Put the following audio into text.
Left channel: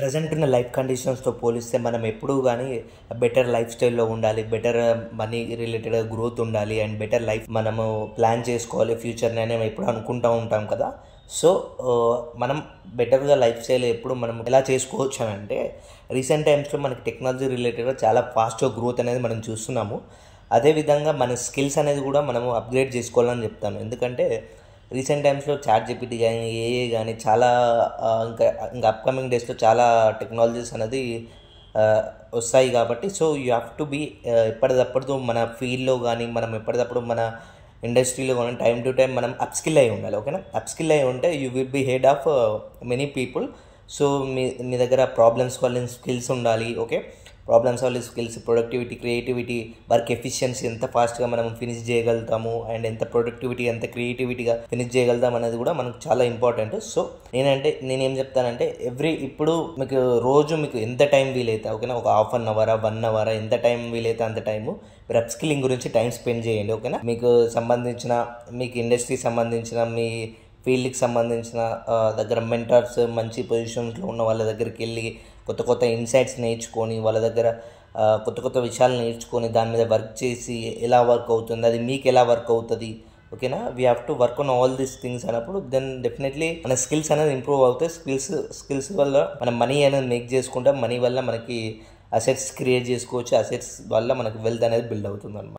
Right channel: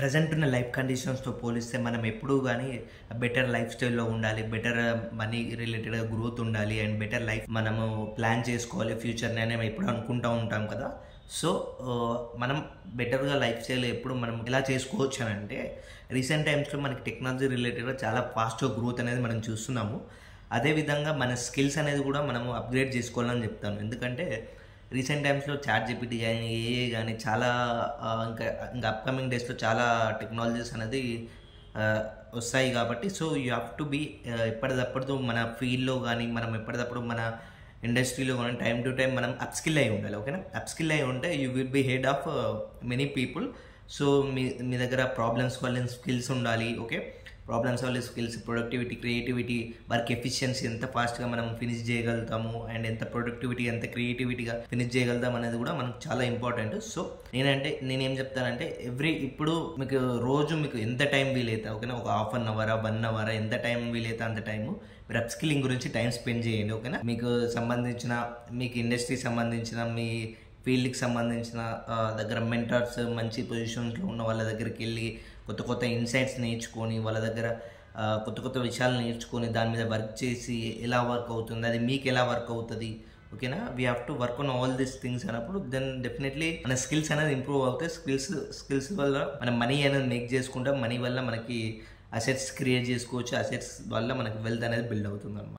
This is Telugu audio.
ప్రెజెంట్ ఉన్న లైఫ్ కండిషన్స్తో పోలిస్తే మనం ఎప్పుడూ కానీ బెటర్ లైఫ్ స్టైల్లో ఉండాలి, బెటర్ మనీ రిలేటెడ్ గ్రోత్ ఉండాలి అండ్ బెటర్ లైఫ్ మనము ప్లాన్ చేసుకోవాలి ఫ్యూచర్ని అని ఎప్పుడు అనుకుంటూ ఉంటాం కదా. సో మనం బెటర్గా లైఫ్ స్టైల్ ఎప్పుడు మనం ఎలా చేసుకోవచ్చు అని అంటే, రీసెంట్ టైమ్స్లో మనకి టెక్నాలజీ రిలేటెడ్గా చాలా ఫాస్ట్గా గ్రోత్ అనేది మనం చూస్తున్నాము. అదేవిధంగా మన స్కిల్స్ అనేది కూడా మనము అప్గ్రేడ్ చేసుకోవాలని చెప్తాను. ఎందుకంటే రీసెంట్ టైమ్స్లో చాట్ జీపీటీ కానీ ఏఏ కానీ చాలా ఇంకా ఇంకా అప్కమింగ్ డేస్లో చాలా టెక్నాలజీస్ అనేది వస్తాయి కాబట్టి, so you have to be ఎప్పటికప్పుడు మన ఫీల్డ్లో కానీ మనం ఎప్పటికప్పుడు మన ఇండస్ట్రీలో కానీ టైం టు టైం మనం అప్స్కిల్ అయి ఉండాలి. ఓకేనా, అప్స్కిల్ అయి ఉంటే you will be head of many people. So మీ దగ్గర ప్రాబ్లమ్ సాల్వింగ్ స్కిల్స్ ఉండాలి. Okay, problem solving skills, productivity, creativity, work efficiency ఎంత ఫాస్ట్గా మనం ఫినిష్ చేయగలుగుతాము అండ్ ఎంత ప్రొడక్టివిటీ ఎంత క్రియేటివిటీగా ఫినిష్ చేయగలుగుతాం అనేది కూడా మనకు చాలా ఇంపార్టెంట్. సో నేనేం చెప్తానంటే ఇప్పుడు మీకు రోజు మీకు ఎంత టైం వీలైతే, ఓకేనా, ఒక హాఫ్ అన్ అవర్ 1 అవర్ ఎంత టైం వీలైతే అంత టైము మీరు అప్స్కిల్లింగ్ గురించి టైం స్పెండ్ చేయండి. ఓకేనా, మీకు సంబంధించిన మీకు ఇండస్ట్రీకి సంబంధించిన మీ ఫీల్డ్కి సంబంధించిన దగ్గర మెంటర్స్ మంచి పొజిషన్స్లో ఉన్న వాళ్ళ దగ్గరికి వెళ్ళి కొత్త కొత్త ఇన్సైట్స్ నేర్చుకొని వాళ్ళ దగ్గర కొత్త కొత్త విషయాలు నేర్చుకొని దాని మీద వర్క్ చేసి ఎలా వర్క్ అవుతుంది, అది మీకు ఎలా వర్క్ అవుతుంది. ఓకేనా, we have to work on all these things అన్నప్పుడు దెన్ డెఫినెట్లీ మన స్కిల్స్ అనేది ఇంప్రూవ్ అవుతాయి. స్కిల్స్ వల్ల మనం మనీ అనేది మేక్ చేసుకుంటాం, మనీ వల్ల మనకి అసెట్స్ క్రియేట్ చేసుకోవచ్చు, అసెట్స్ వల్ల మనకి వెల్త్ అనేది బిల్డ్ అవుతుంది అన్నమాట.